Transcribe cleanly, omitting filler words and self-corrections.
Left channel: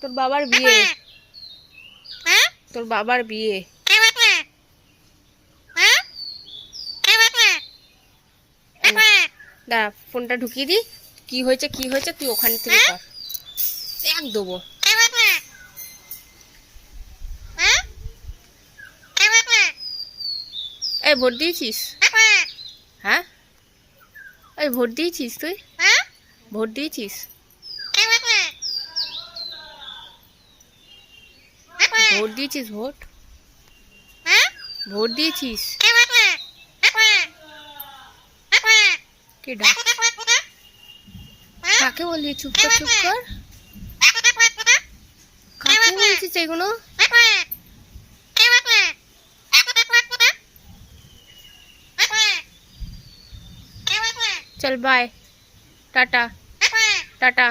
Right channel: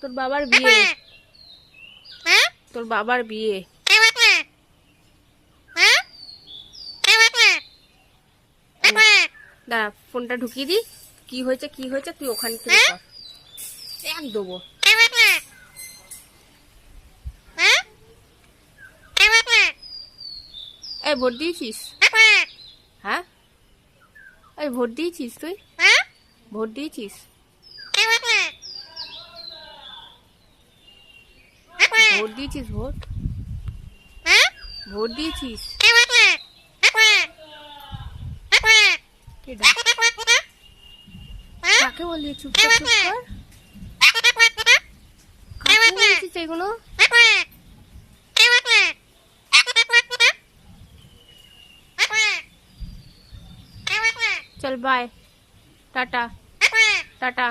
তোর বাবার বিয়ে, তোর বাবার বিয়ে। দাঁড়া, ফোনটা ঢুকিয়ে দি। কি হয়েছে কি হয়েছে তুই ওখান থেকে কর, এক দেবো। এই ভোট দিয়েছিস? হ্যাঁ, এই ভোট দিয়েছিস তুই? ভোট দিয়েছিস? ভোট দিয়েছিস? ভোট ভোট দিয়েছিস? কে ডাক, কাকে বললি? চুপ কর, চুপ কর। কাকে বলছিস এগুলো? চল বাই, টাটা টাটা।